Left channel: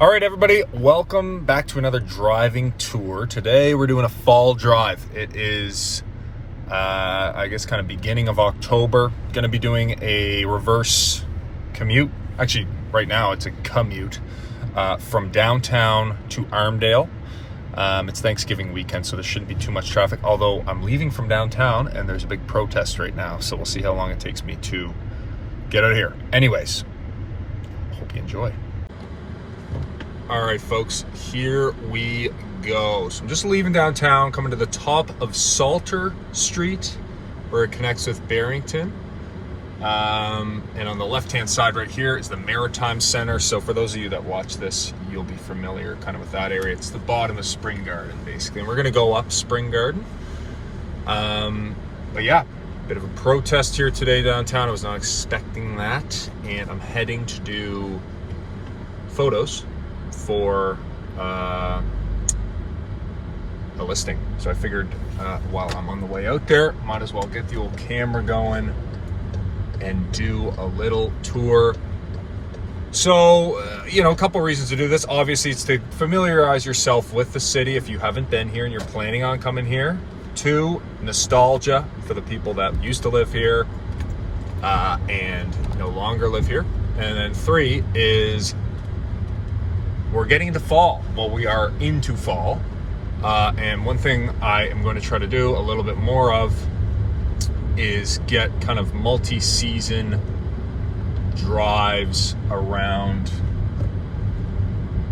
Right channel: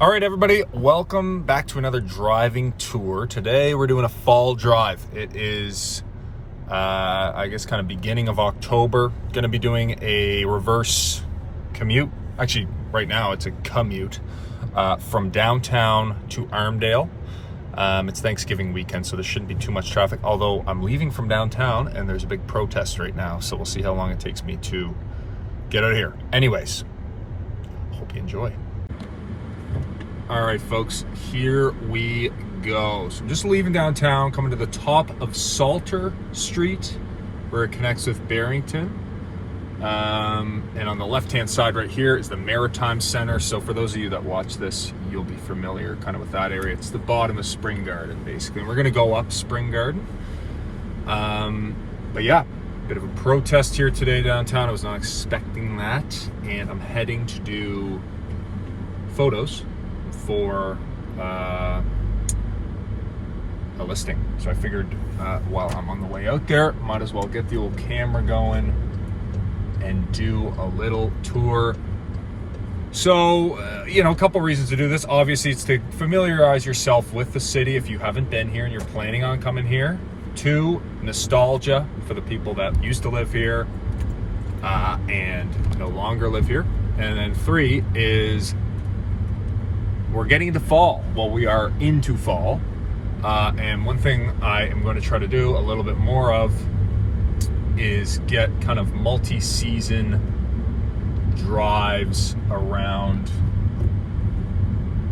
All right, everybody, welcome back to another driving tour. Today we're doing a fall drive. It is, I guess, kind of beginning of October. Going to be doing a reverse commute. Actually, right now it's a commute from downtown to Armdale. It's Thanksgiving weekend, so there shouldn't be too much traffic, although I'm leaving from downtown and there's a big protest right now, so we'll see how long it takes me to get out of here. Anyways, hope you enjoy. All right, folks, here we go. So I'm just leaving downtown, coming to the top of Salter Street, where it connects with Barrington. And on the left-hand side right here is the Maritime Center. So for those of you that watch this, you'll be familiar kind of with that area. It's the bottom of Spring Garden, basically. And we're gonna go up Spring Garden. But yeah, bit of a protest here today downtown. I was not expecting that. And I'm heading to do photos for a listing. So I figured while I'm on the way out there, might as well get the old camera going and do a little tour. So, a couple reasons to do this. Obviously, it's to familiarize yourself with the city if you haven't been here and you're planning on coming here. 2, nostalgia for the people that used to live here and no longer live here. And then 3 is we're getting into fall. Well, we are into fall. And one thing I am going to try to do a little bit more of is get kind of multi-season drives around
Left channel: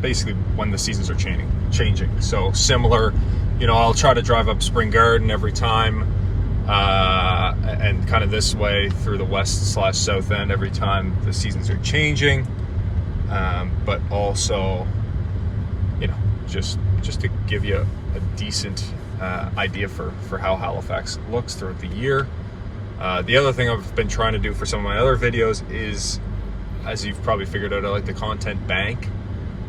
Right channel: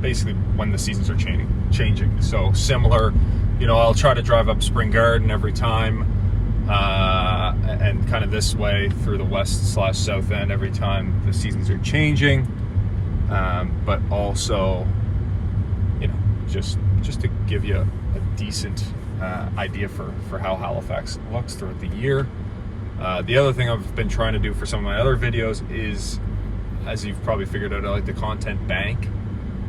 basically when the seasons are changing. So similar, I'll try to drive up Spring Garden every time and kind of this way through the west/south end every time the seasons are changing. But also, just to give you a decent idea for how Halifax looks throughout the year. The other thing I've been trying to do for some of my other videos is, as you've probably figured out, I like the content bank.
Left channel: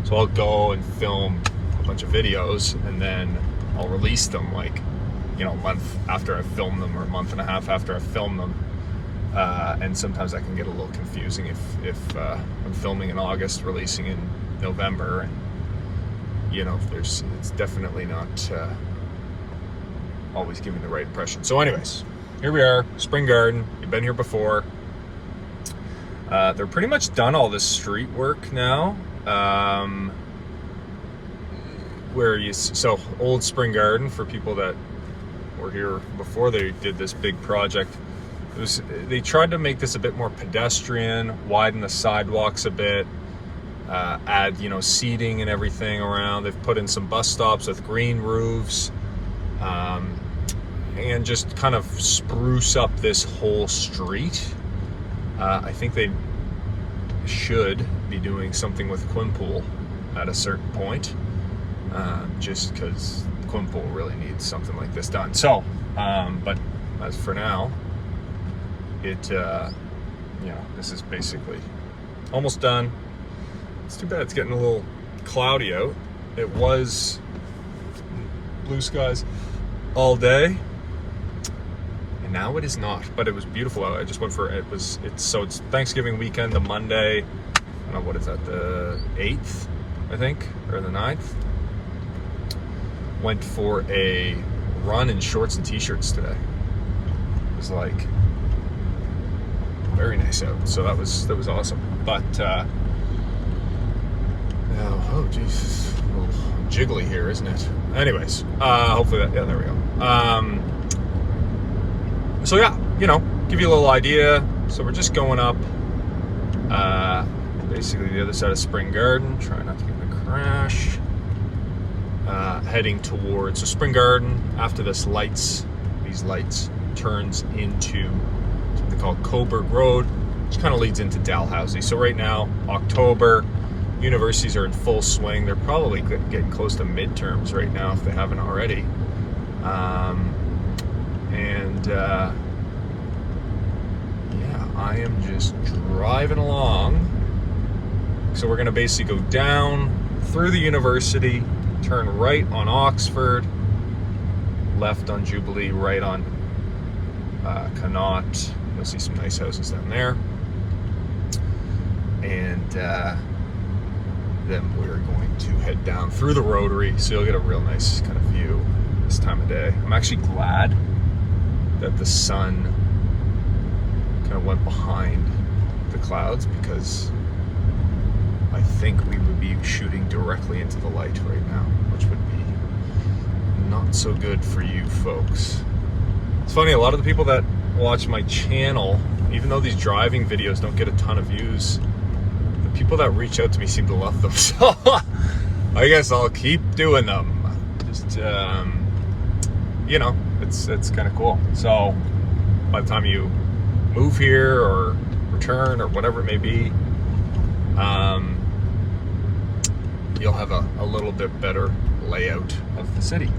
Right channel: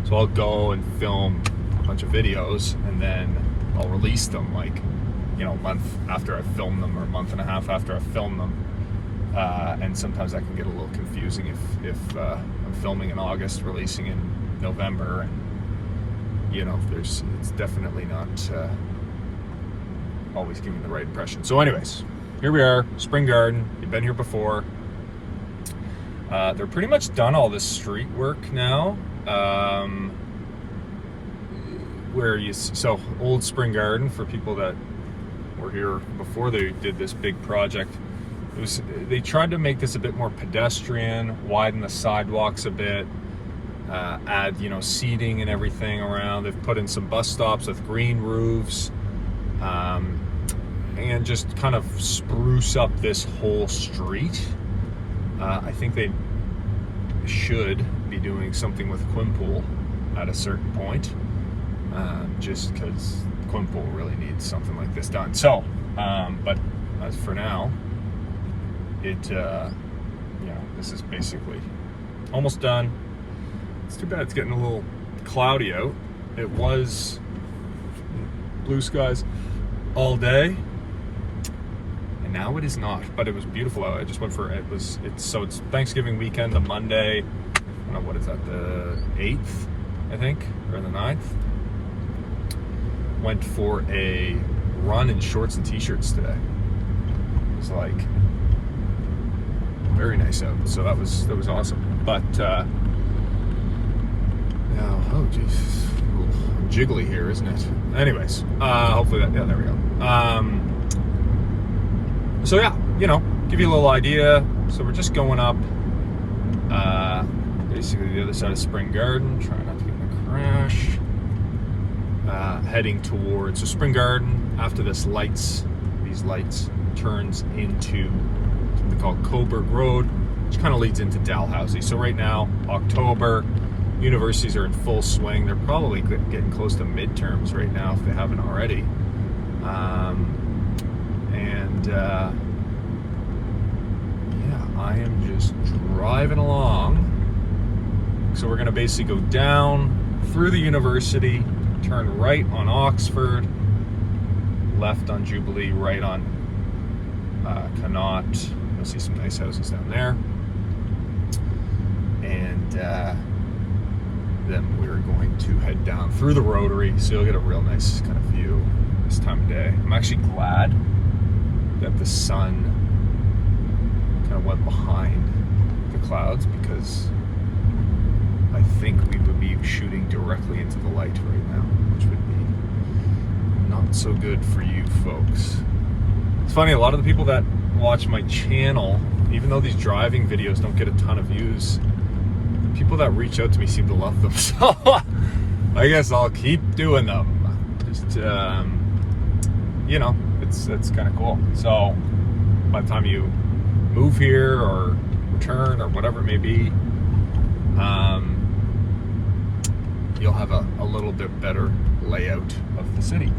So I'll go and film a bunch of videos and then I'll release them a month after I've filmed them or a month and a half after I've filmed them. And sometimes that can get a little confusing if I'm filming in August, releasing in November, and it's definitely not always giving the right impression. So anyways, here we are, Spring Garden. You've been here before. They're pretty much done all this street work now. So old Spring Garden, for people that were here before they did this big project, they tried to make this a bit more pedestrian, widen the sidewalks a bit, add seating and everything around. They've put in some bus stops with green roofs, and just kind of spruce up this whole street. I think they should be doing something with Quinpool at a certain point, just because Quinpool really needs something like this done. So, but as for now, this is basically almost done. It's too bad it's getting a little cloudy out. It was blue skies all day, and now it is not, but it was beautiful out. I just went for it's Thanksgiving weekend, the Monday, I don't know, what is that, the 8th, I think, or the 9th. Went for a run in shorts and t-shirts today. It was very nice out, so that was awesome. But oh geez, a little jiggly here, isn't it? Anyways, hopefully there we go. So yeah, give you a little idea. So we're just going up basically the other side of Spring Garden, trying not to get in a crash, heading towards Spring Garden. After these lights turns into something called Coburg Road, which kind of leads into Dalhousie. So right now, October, universities are in full swing. They're probably getting close to midterms right now if they haven't already. I am just driving along. So we're gonna basically go down through the university, turn right on Oxford, left on Jubilee, right on Connaught. You'll see some nice houses down there. And then we're going to head down through the rotary, so you'll get a real nice kind of view this time of day. I'm actually glad that the sun kind of went behind the clouds, because I think we would be shooting directly into the light right now, which would be not so good for you folks. It's funny, a lot of the people that watch my channel, even though these driving videos don't get a ton of views, the people that reach out to me seem to love them. So I guess I'll keep doing them. Just, you know, it's kind of cool. So by the time you move here or return or whatever it may be, you'll have a little bit better layout of the city,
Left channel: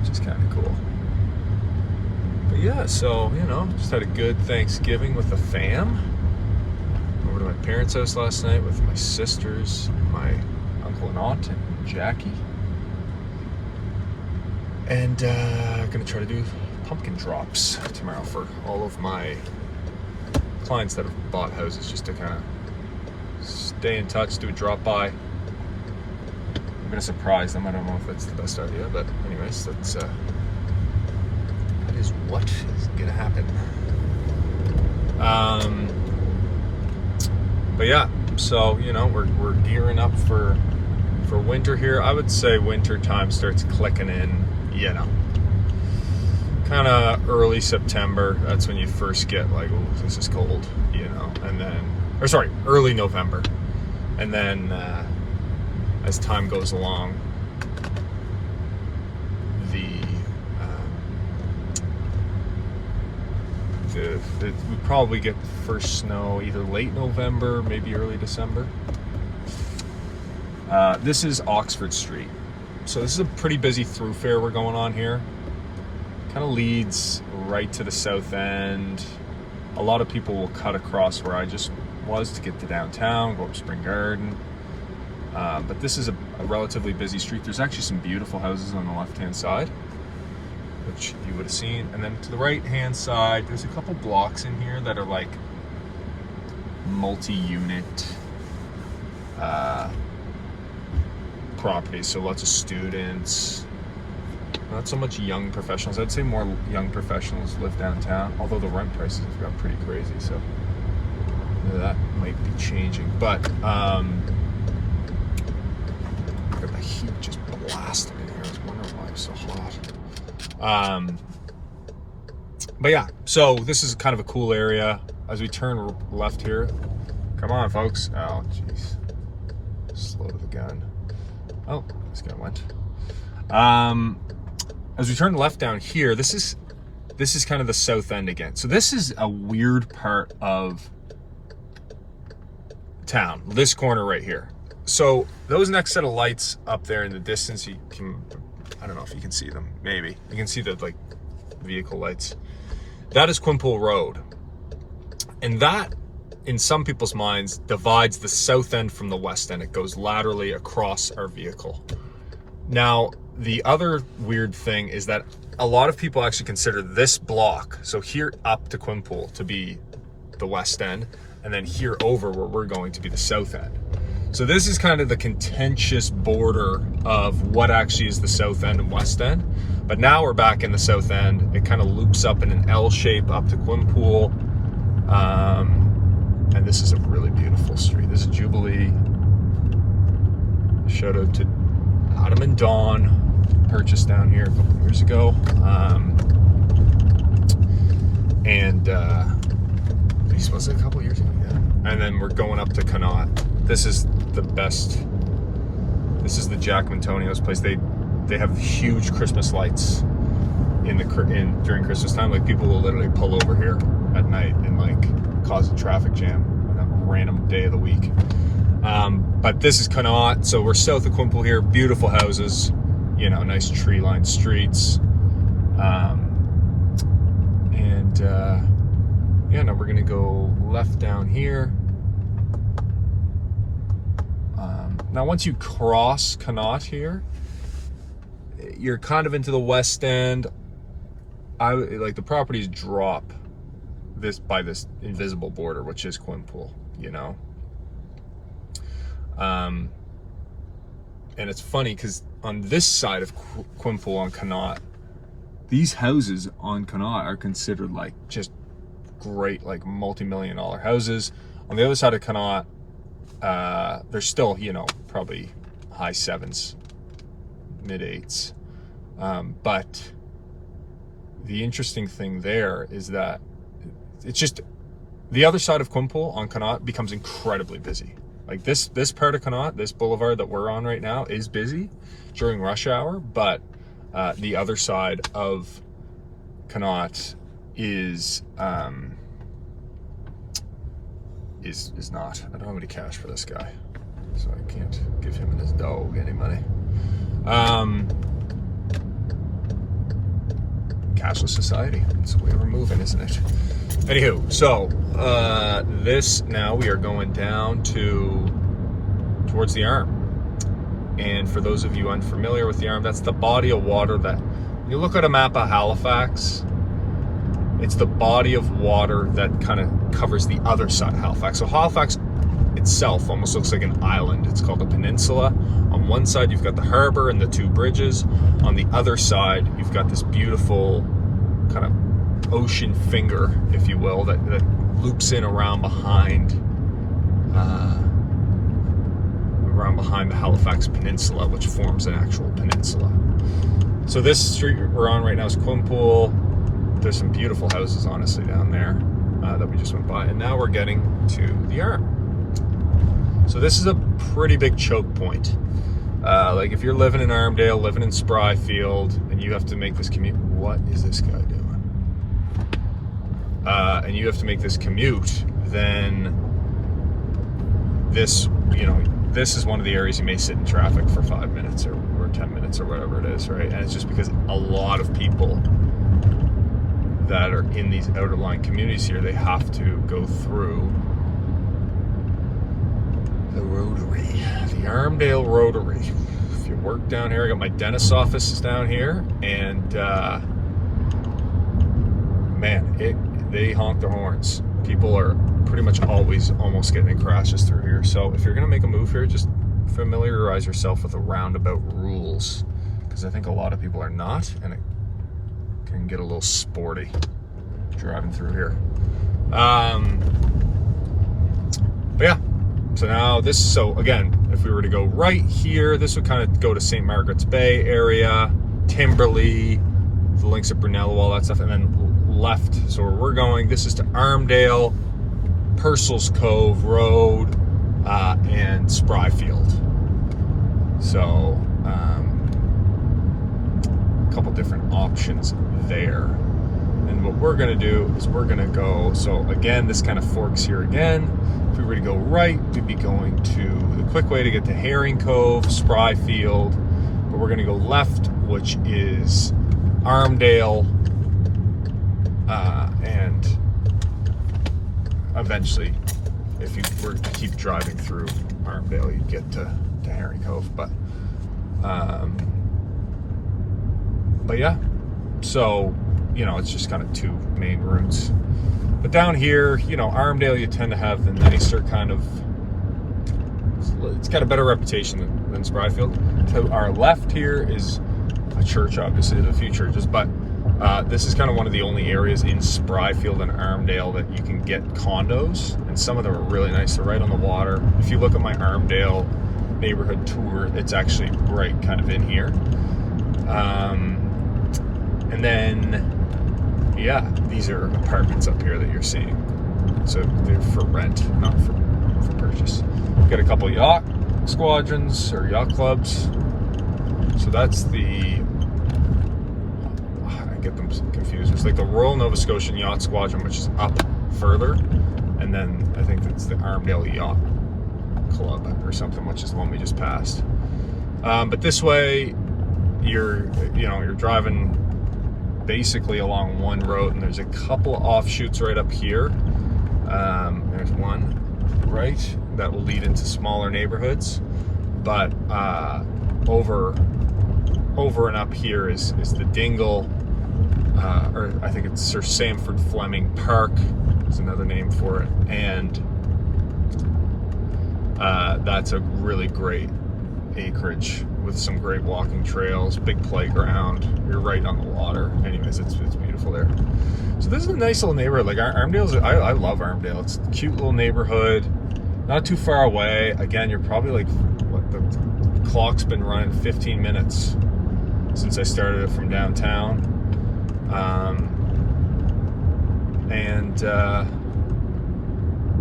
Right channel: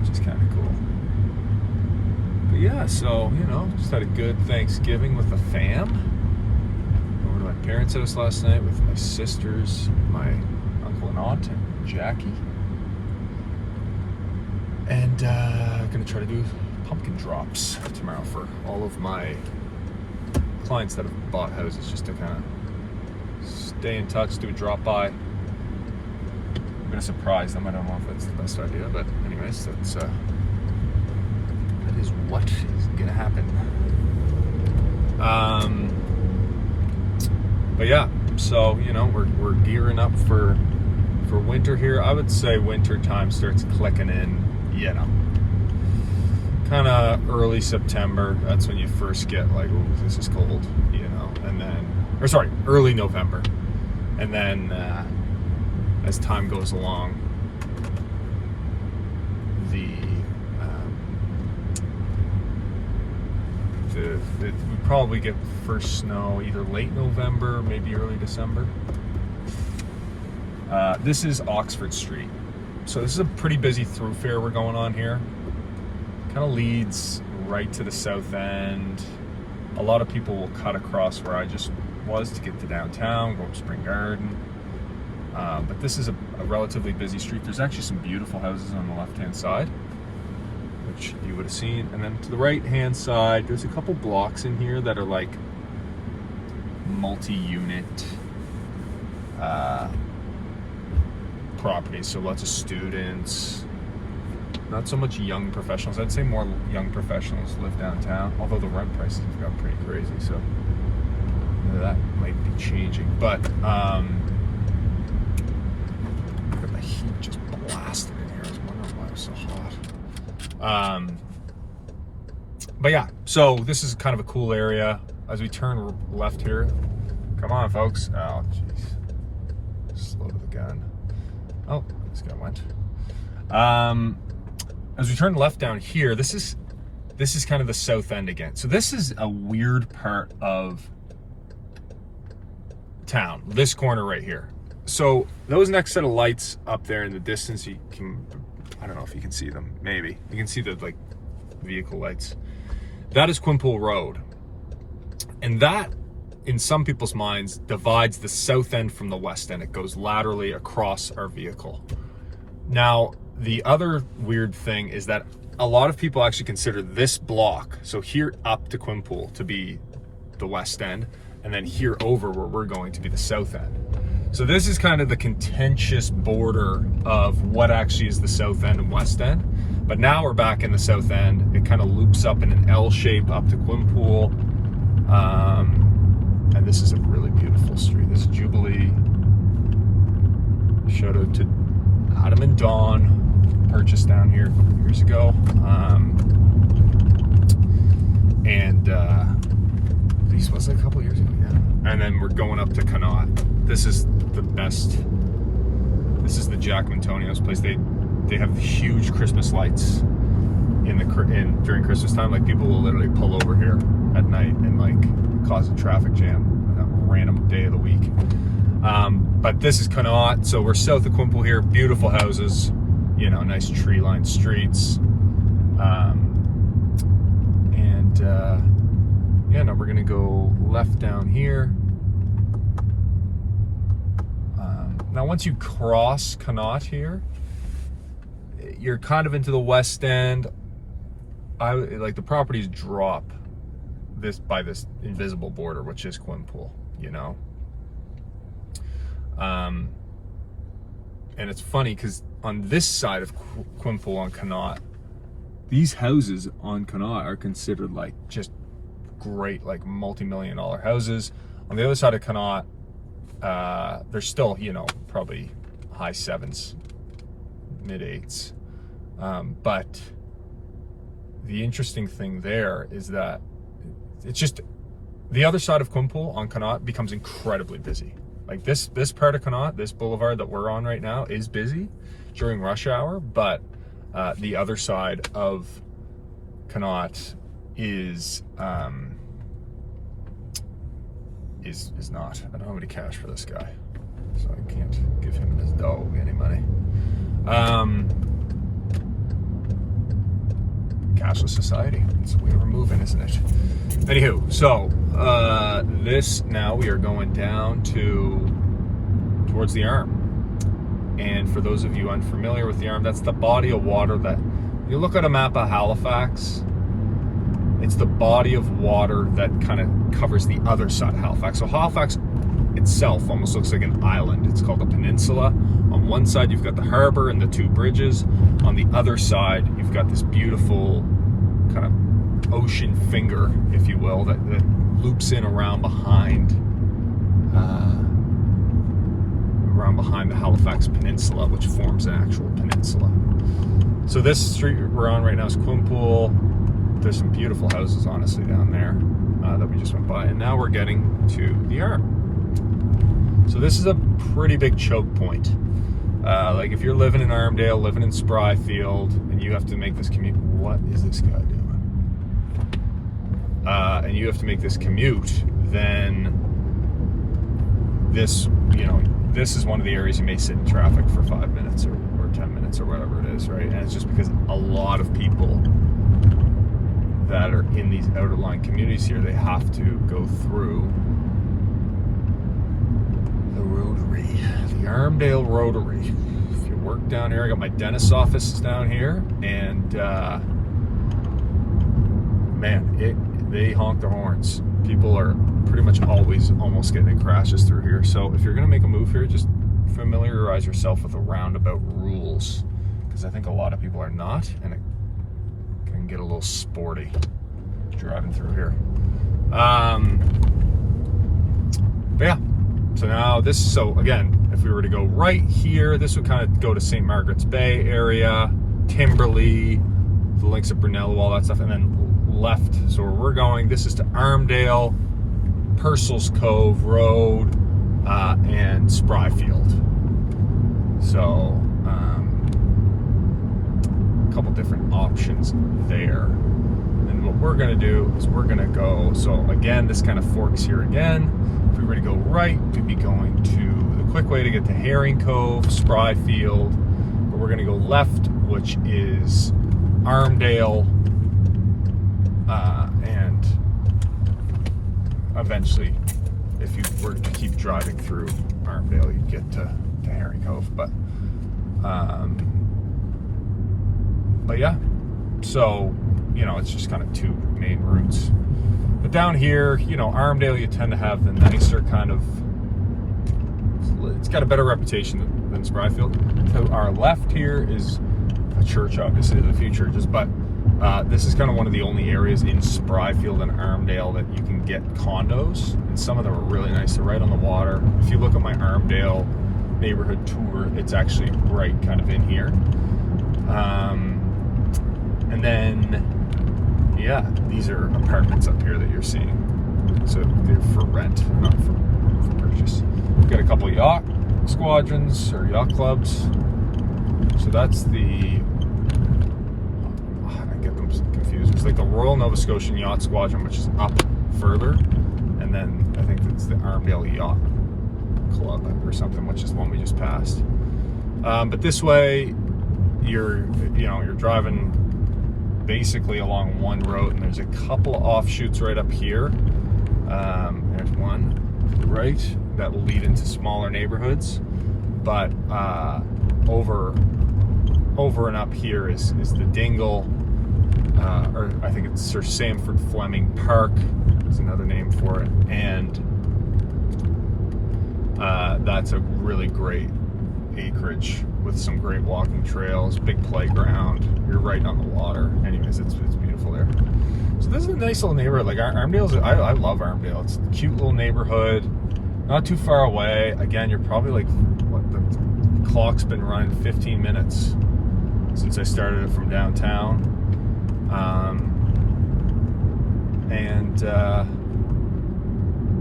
which is kind of cool. But yeah, so, you know, just had a good Thanksgiving with the fam. Over to my parents' house last night with my sisters, my uncle and aunt, and Jackie. And I'm gonna try to do pumpkin drops tomorrow for all of my clients that have bought houses, just to kind of stay in touch, do a drop by. I'm gonna surprise them. I don't know if that's the best idea, but anyways, that is what is gonna happen. But yeah, so, you know, we're gearing up for winter here. I would say winter time starts clicking in, you know, kind of early September. That's when you first get like, oh, this is cold, you know, and then, or sorry, early November. And then as time goes along, we probably get the first snow either late November, maybe early December. This is Oxford Street. So this is a pretty busy thoroughfare we're going on here. Kind of leads right to the south end. A lot of people will cut across where I just was to get to downtown, go up Spring Garden. But this is a relatively busy street. There's actually some beautiful houses on the left-hand side, which you would have seen. And then to the right-hand side, there's a couple blocks in here that are like multi-unit properties. So lots of students, not so much young professionals. I'd say more young professionals live downtown, although the rent prices have got pretty crazy, so that might be changing. But look at the heat just blasting in here. I was wondering why it's so hot. But yeah, so this is kind of a cool area. As we turn left here, come on folks. Oh jeez, slow to the gun. Oh, this guy went. As we turn left down here, this is kind of the south end again. So this is a weird part of town, this corner right here. So those next set of lights up there in the distance, you can, I don't know if you can see them, maybe. You can see the like vehicle lights. That is Quinpool Road. And that, in some people's minds, divides the south end from the west end. It goes laterally across our vehicle. Now, the other weird thing is that a lot of people actually consider this block, so here up to Quinpool, to be the west end, and then here over where we're going to be the south end. So this is kind of the contentious border of what actually is the south end and west end. But now we're back in the south end. It kind of loops up in an L shape up to Quinpool. And this is a really beautiful street. This is Jubilee. Shout out to Adam and Dawn, purchased down here a couple of years ago. This was a couple of years ago, yeah. And then we're going up to Connaught. This is the best. This is the Jack Antonio's place. They have huge Christmas lights during Christmas time. Like, people will literally pull over here at night and like cause a traffic jam on a random day of the week. But this is Connaught, so we're south of Quinpool here. Beautiful houses, you know, nice tree-lined streets. Yeah, now we're gonna go left down here. Now once you cross Connaught here, you're kind of into the west end. Like, the properties drop by this invisible border, which is Quinpool, you know. And it's funny because on this side of Quinpool on Connaught, these houses on Connaught are considered like just great, like multi-million-dollar houses. On the other side of Connaught, they're still, you know, probably high sevens, mid eights. But the interesting thing there is that it's just the other side of Quinpool on Connaught becomes incredibly busy. Like this part of Connaught, this boulevard that we're on right now is busy during rush hour, but the other side of Connaught is not. I don't have any cash for this guy, so I can't give him and his dog any money. Cashless society. It's the way we're moving, isn't it? Anywho, so this now we are going down towards the Arm. And for those of you unfamiliar with the Arm, that's the body of water that you look at a map of Halifax. It's the body of water that kind of covers the other side of Halifax. So Halifax itself almost looks like an island. It's called a peninsula. On one side, you've got the harbor and the two bridges. On the other side, you've got this beautiful kind of ocean finger, if you will, that loops in around behind the Halifax Peninsula, which forms an actual peninsula. So this street we're on right now is Quinpool. There's some beautiful houses, honestly, down there that we just went by. And now we're getting to the Arm. So this is a pretty big choke point. Like if you're living in Armdale, living in Spryfield, and you have to make this commute, what is this guy doing? And you have to make this commute, then this, you know, this is one of the areas you may sit in traffic for 5 minutes or 10 minutes or whatever it is, right? And it's just because a lot of people that are in these outer line communities here, they have to go through the rotary, the Armdale Rotary. If you work down here, I got my dentist's office is down here, and man, they honk the horns. People are pretty much always almost getting in crashes through here. So if you're gonna make a move here, just familiarize yourself with the roundabout rules, because I think a lot of people are not, and it can get a little sporty driving through here. But yeah, so now so again, if we were to go right here, this would kind of go to St. Margaret's Bay area, Timberley, the links of Brunello, all that stuff, and then left. So where we're going, this is to Armdale, Purcell's Cove Road, and Spryfield. So a couple different options there. And what we're gonna do is we're gonna go, so again, this kind of forks here again. If we were to go right, we'd be going to the quick way to get to Herring Cove, Spryfield, but we're gonna go left, which is Armdale, and eventually, if you were to keep driving through Armdale, you'd get to Herring Cove. But yeah, so, you know, it's just kind of two main routes. But down here, you know, Armdale, you tend to have the nicer kind of, it's got a better reputation than Spryfield. To our left here is a church, obviously, in the future, but this is kind of one of the only areas in Spryfield and Armdale that you can get condos, and some of them are really nice. They're right on the water. If you look at my Armdale neighborhood tour, it's actually right kind of in here. And then, yeah, these are apartments up here that you're seeing. So they're for rent, not for purchase. We've got a couple yacht squadrons or yacht clubs. So that's the, I get them confused. It's like the Royal Nova Scotian Yacht Squadron, which is up further. And then I think that's the Armdale Yacht Club or something, which is the one we just passed. But this way, you're driving basically along one road, and there's a couple of offshoots right up here. There's one right that will lead into smaller neighborhoods, but over and up here is the Dingle, or I think it's Sir Sanford Fleming Park is another name for it, and that's a really great acreage with some great walking trails, big playground. You're right on the water. Anyways, it's beautiful there. So this is a nice little neighborhood. Like Armdale's, I love Armdale. It's a cute little neighborhood, not too far away. Again, you're probably like, what, the clock's been running 15 minutes since I started it from downtown.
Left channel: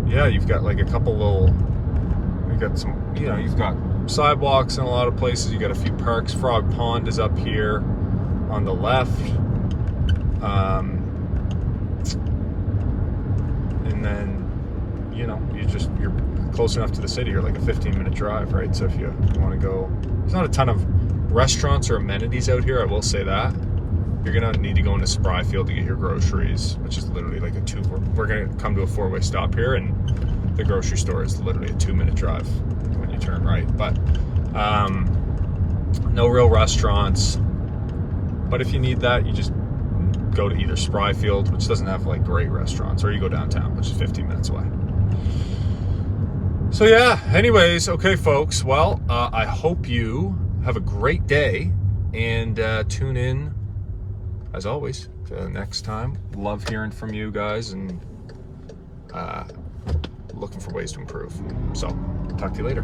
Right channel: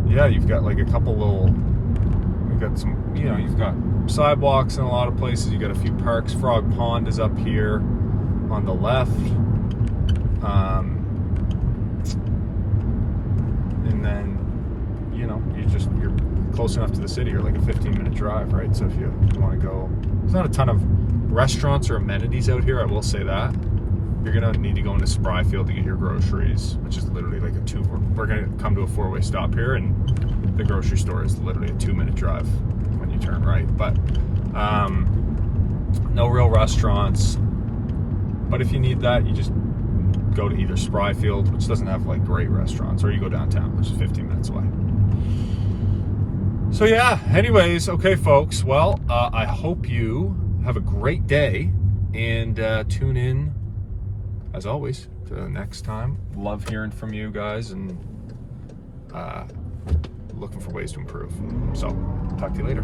Yeah, you've got like a couple little, you've got some, you know, you've got sidewalks in a lot of places. You got a few parks. Frog Pond is up here on the left. And then, you know, you're close enough to the city. You're like a 15-minute drive, right? So if you want to go, there's not a ton of restaurants or amenities out here, I will say that. You're gonna need to go into Spryfield to get your groceries, which is literally like we're gonna come to a 4-way stop here, and the grocery store is literally a 2-minute drive when you turn right. But no real restaurants. But if you need that, you just go to either Spryfield, which doesn't have like great restaurants, or you go downtown, which is 15 minutes away. So yeah, anyways, okay folks, well, I hope you have a great day, and tune in as always for the next time. Love hearing from you guys, and looking for ways to improve. So talk to you later.